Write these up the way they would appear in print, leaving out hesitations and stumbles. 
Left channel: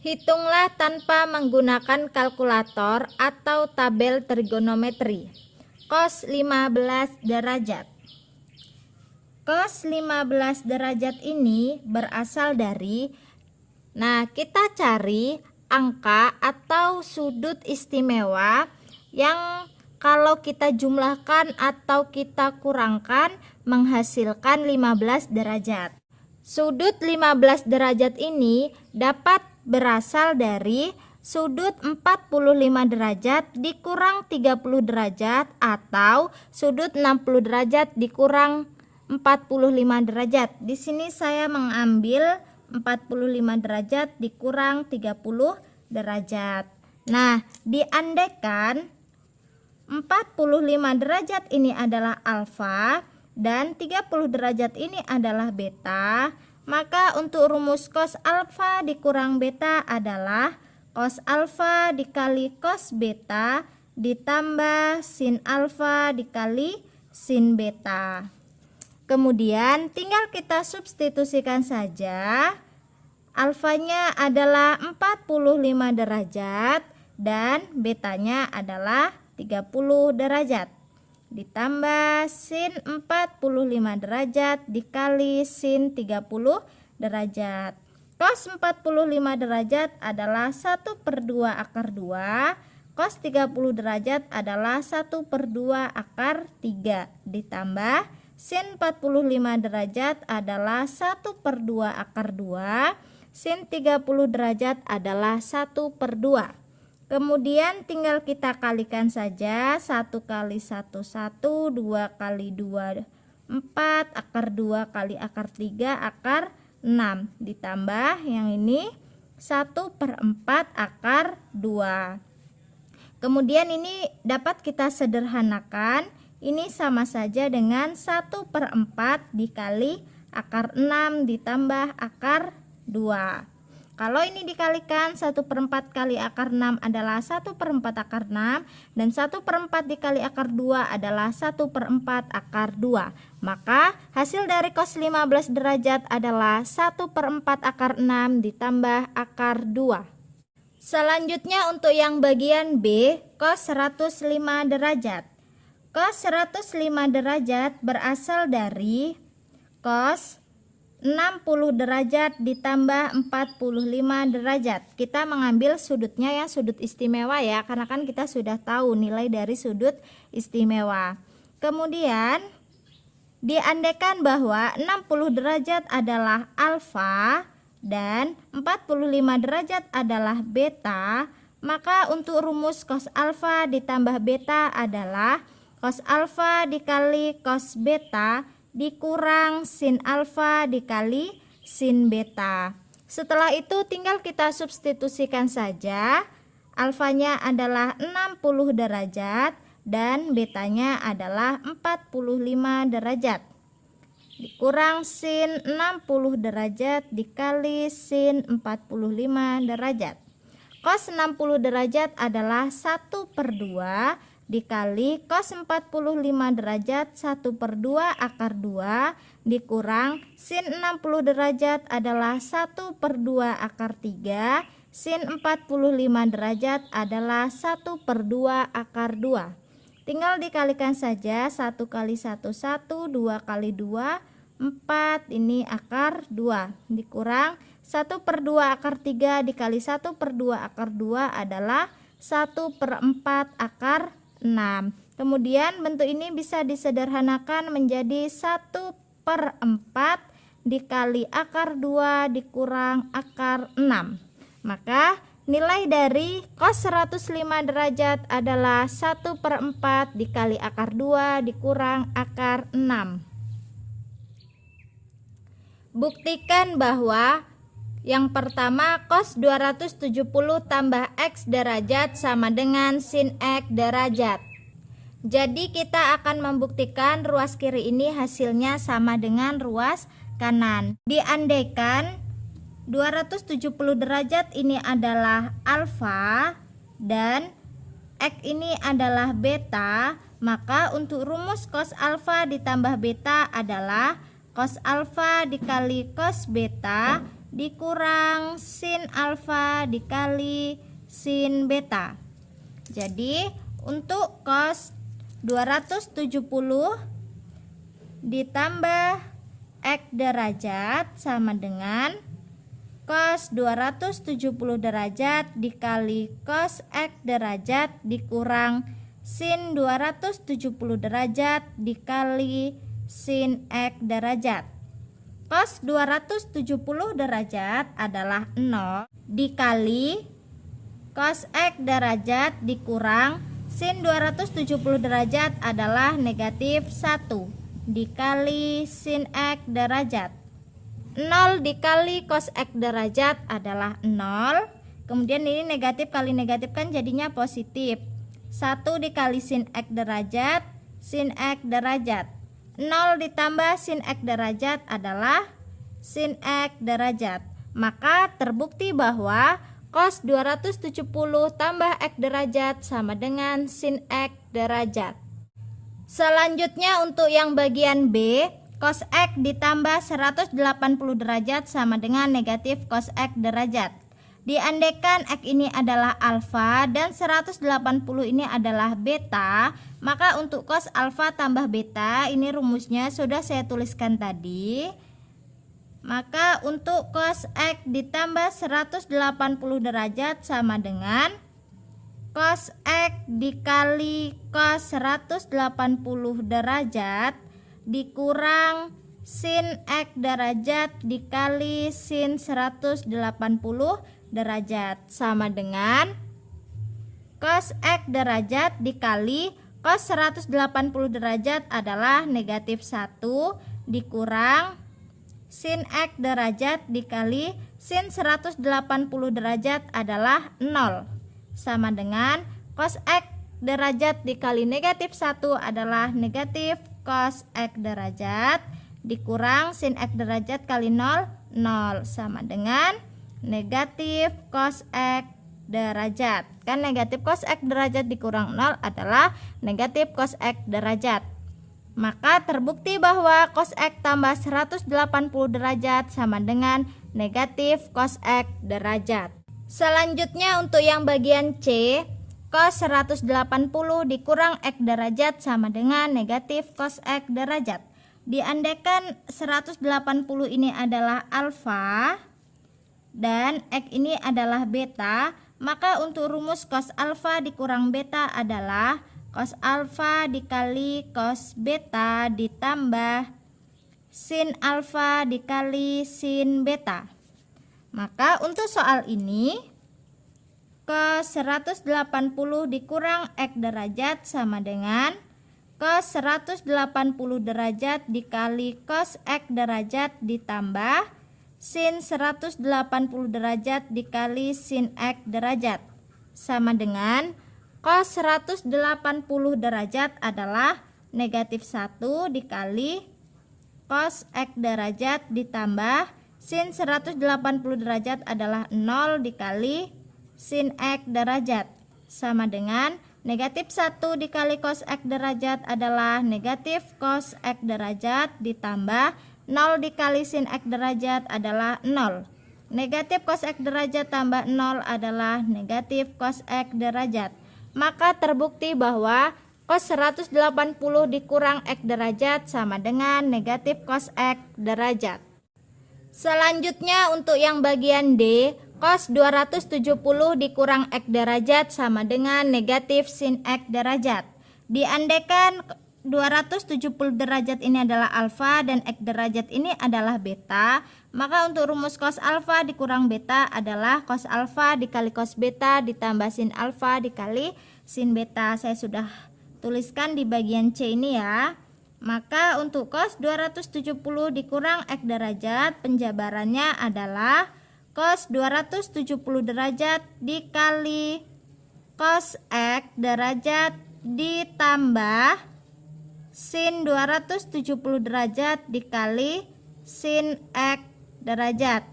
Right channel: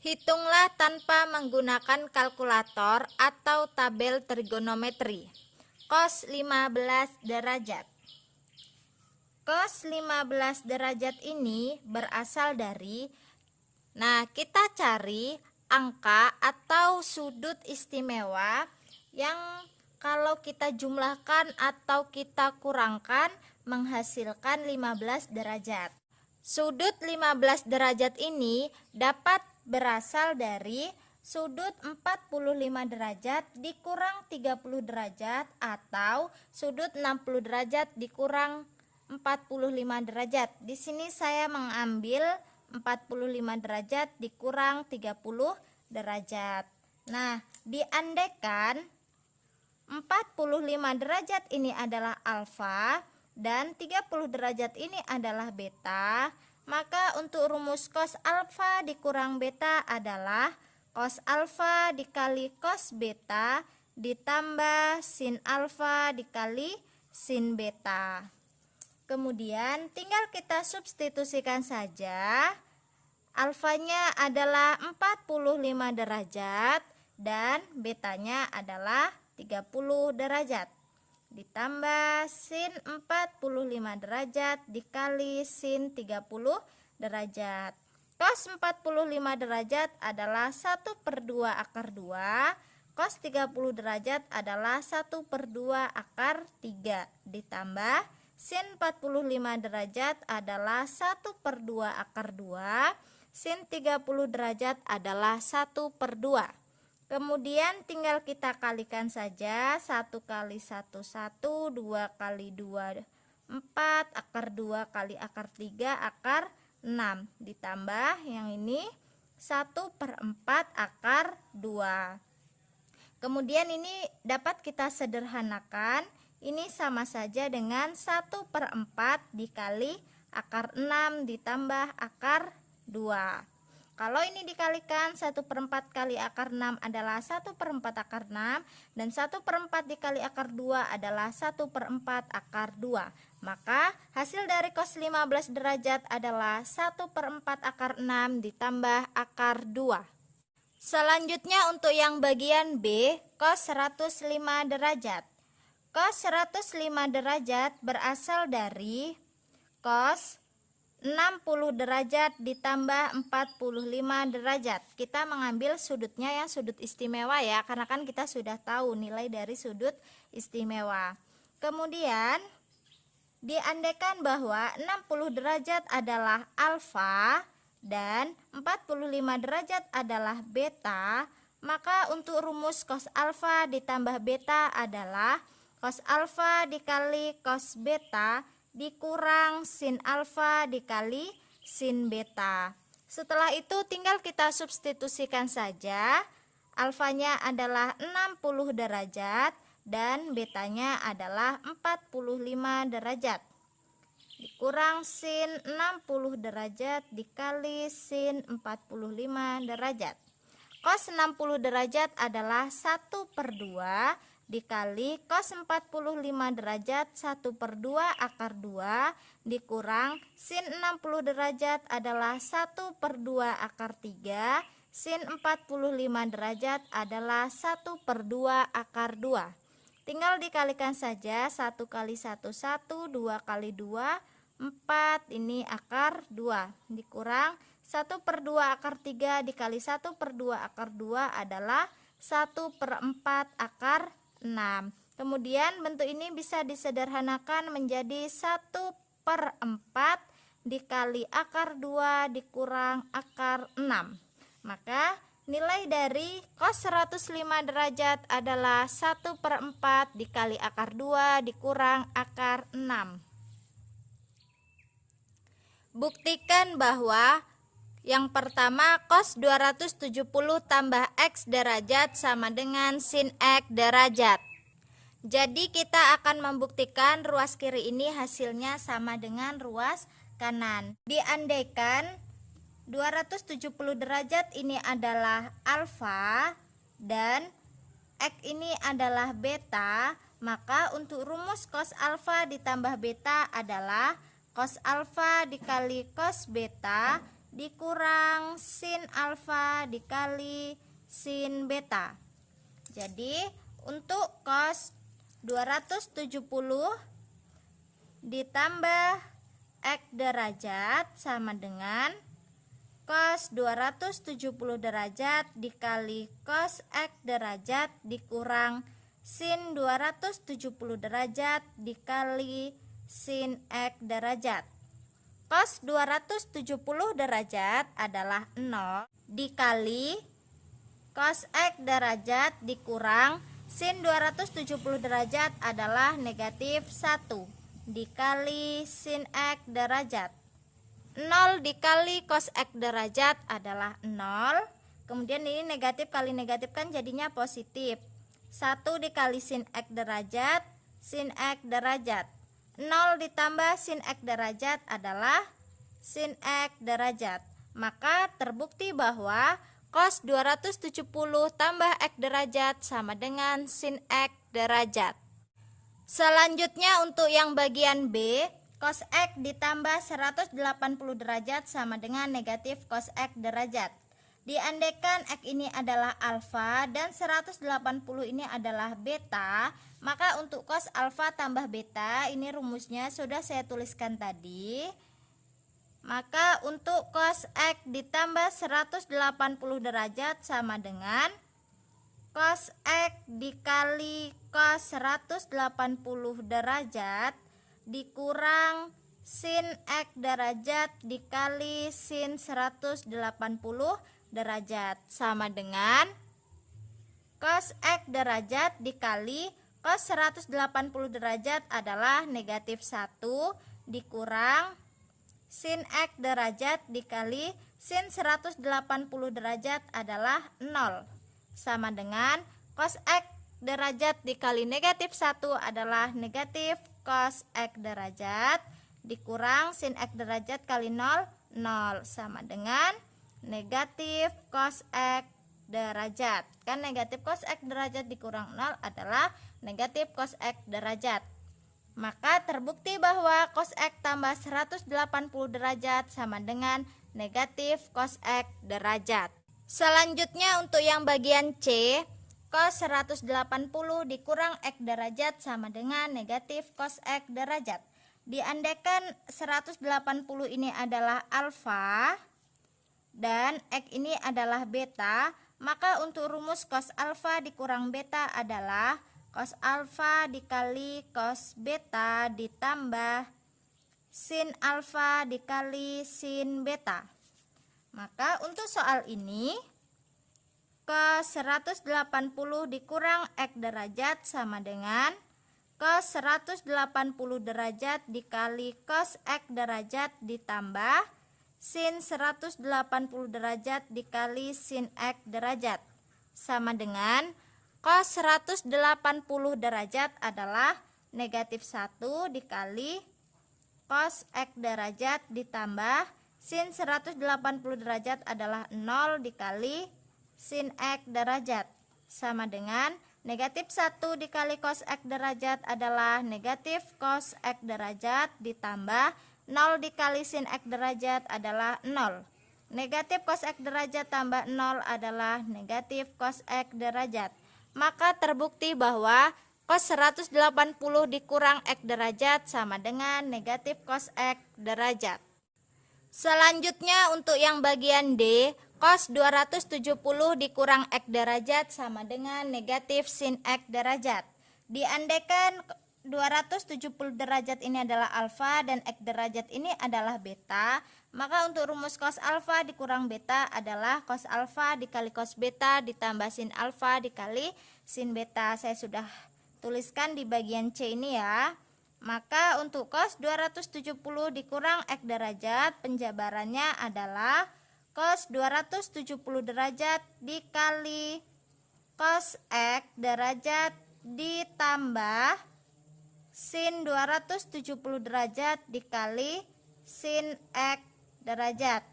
Hitunglah tanpa menggunakan kalkulator atau tabel trigonometri. Cos 15 derajat. Cos 15 derajat ini berasal dari, kita cari angka atau sudut istimewa yang kalau kita jumlahkan atau kita kurangkan menghasilkan 15 derajat. Sudut 15 derajat ini dapat berasal dari sudut 45 derajat dikurang 30 derajat atau sudut 60 derajat dikurang 45 derajat. Di sini saya mengambil 45 derajat dikurang 30 derajat. Nah, diandaikan 45 derajat ini adalah alfa dan 30 derajat ini adalah beta, maka untuk rumus cos alfa dikurang beta adalah cos alfa dikali cos beta ditambah sin alfa dikali sin beta. Kemudian tinggal kita substitusikan saja. Alfanya adalah 45 derajat dan betanya adalah 30 derajat. Ditambah sin 45 derajat dikali sin 30 derajat. Cos 45 derajat adalah 1/2 akar 2. Cos 30 derajat adalah 1/2 akar 3. Ditambah sin 45 derajat adalah 1/2 akar 2. Sin 30 derajat adalah 1/2. Kemudian tinggal kita kalikan saja. 1 kali 1 1, 2 kali 2 4, akar 2 kali akar 3 akar 6. Ditambah yang ini 1/4 akar 2. Kemudian ini dapat kita sederhanakan. Ini sama saja dengan 1/4 dikali akar 6 ditambah akar 2. Kalau ini dikalikan 1/4 kali akar 6 adalah 1/4 akar 6 dan 1/4 dikali akar 2 adalah 1/4 akar 2. Maka hasil dari cos 15 derajat adalah 1/4 akar 6 ditambah akar 2. Selanjutnya untuk yang bagian B, cos 105 derajat. Cos 105 derajat berasal dari cos 60 derajat ditambah 45 derajat. Kita mengambil sudutnya yang sudut istimewa ya, karena kan kita sudah tahu nilai dari sudut istimewa. Kemudian diandaikan bahwa 60 derajat adalah alfa dan 45 derajat adalah beta, maka untuk rumus cos alfa ditambah beta adalah cos alfa dikali cos beta dikurang sin alfa dikali sin beta. Setelah itu tinggal kita substitusikan saja. Alfanya adalah 60 derajat dan betanya adalah 45 derajat. Dikurang sin 60 derajat dikali sin 45 derajat. Cos 60 derajat adalah 1/2 dikali cos 45 derajat 1/2 akar 2 dikurang sin 60 derajat adalah 1/2 akar 3. Sin 45 derajat adalah 1/2 akar 2. Tinggal dikalikan saja. 1 kali 1 1, 2 kali 2 4, ini akar 2 dikurang 1/2 akar 3 dikali 1/2 akar 2 adalah 1/4 akar 6. Kemudian bentuk ini bisa disederhanakan menjadi 1/4 dikali akar 2 dikurang akar 6. Maka nilai dari cos 105 derajat adalah 1/4 dikali akar 2 dikurang akar 6. Buktikan bahwa yang pertama, cos 270 tambah x derajat sama dengan sin x derajat. Jadi kita akan membuktikan ruas kiri ini hasilnya sama dengan ruas kanan. Diandaikan 270 derajat ini adalah alfa dan x ini adalah beta, maka untuk rumus cos alfa ditambah beta adalah cos alfa dikali cos beta dikurang sin alfa dikali sin beta. Jadi untuk cos 270 ditambah X derajat sama dengan cos 270 derajat dikali cos X derajat dikurang sin 270 derajat dikali sin X derajat. Cos 270 derajat adalah 0 dikali cos X derajat dikurang sin 270 derajat adalah negatif 1 dikali sin X derajat. 0 dikali cos X derajat adalah 0. Kemudian ini negatif kali negatif kan jadinya positif. 1 dikali sin X derajat, sin X derajat. 0 ditambah sin X derajat adalah sin X derajat. Maka terbukti bahwa cos 270 tambah X derajat sama dengan sin X derajat. Selanjutnya untuk yang bagian B, cos X ditambah 180 derajat sama dengan negatif cos X derajat. Diandaikan X ini adalah alfa dan 180 ini adalah beta, maka untuk cos alfa tambah beta, ini rumusnya sudah saya tuliskan tadi. Maka untuk cos X ditambah 180 derajat sama dengan cos X dikali cos 180 derajat dikurang sin X derajat dikali sin 180 derajat sama dengan cos X derajat dikali cos 180 derajat adalah negatif 1 dikurang sin X derajat dikali sin 180 derajat adalah 0 sama dengan cos X derajat dikali negatif 1 adalah negatif cos X derajat dikurang sin X derajat kali 0 0 sama dengan negatif cos X derajat. Kan negatif cos X derajat dikurang 0 adalah negatif cos X derajat. Maka terbukti bahwa cos X tambah 180 derajat sama dengan negatif cos X derajat. Selanjutnya untuk yang bagian C, cos 180 dikurang X derajat sama dengan negatif cos X derajat. Diandaikan 180 ini adalah alfa dan X ini adalah beta, maka untuk rumus cos alfa dikurang beta adalah cos alfa dikali cos beta ditambah sin alfa dikali sin beta. Maka untuk soal ini cos 180 dikurang X derajat sama dengan cos 180 derajat dikali cos X derajat ditambah sin 180 derajat dikali sin X derajat sama dengan cos 180 derajat adalah negatif 1 dikali cos X derajat ditambah sin 180 derajat adalah 0 dikali sin X derajat sama dengan negatif 1 dikali cos X derajat adalah negatif cos X derajat ditambah 0 dikali sin X derajat adalah 0. Negatif cos X derajat tambah 0 adalah negatif cos X derajat. Maka terbukti bahwa cos 180 dikurang X derajat sama dengan negatif cos X derajat. Selanjutnya untuk yang bagian D, cos 270 dikurang X derajat sama dengan negatif sin X derajat. Diandaikan 270 derajat ini adalah alfa dan X derajat ini adalah beta, maka untuk rumus cos alfa dikurang beta adalah cos alfa dikali cos beta ditambah sin alfa dikali sin beta. Saya sudah tuliskan di bagian C ini ya. Maka untuk cos 270 dikurang X derajat, penjabarannya adalah cos 270 derajat dikali cos X derajat ditambah sin 270 derajat dikali sin X derajat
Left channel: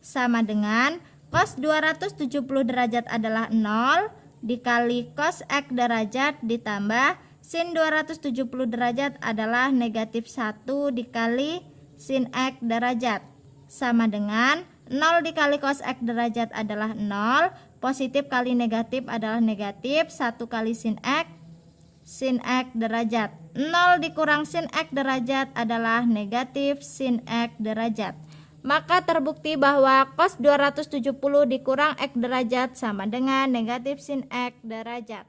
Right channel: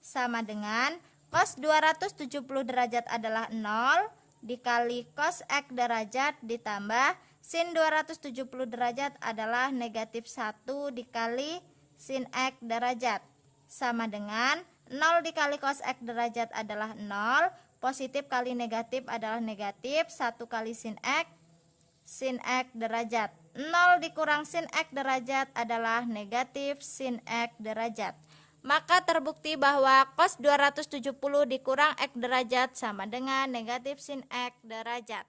sama dengan cos 270 derajat adalah 0 dikali cos X derajat ditambah sin 270 derajat adalah negatif 1 dikali sin X derajat sama dengan 0 dikali cos X derajat adalah 0. Positif kali negatif adalah negatif. 1 kali sin X derajat. 0 dikurang sin X derajat adalah negatif sin X derajat. Maka terbukti bahwa cos 270 dikurang X derajat sama dengan negatif sin X derajat.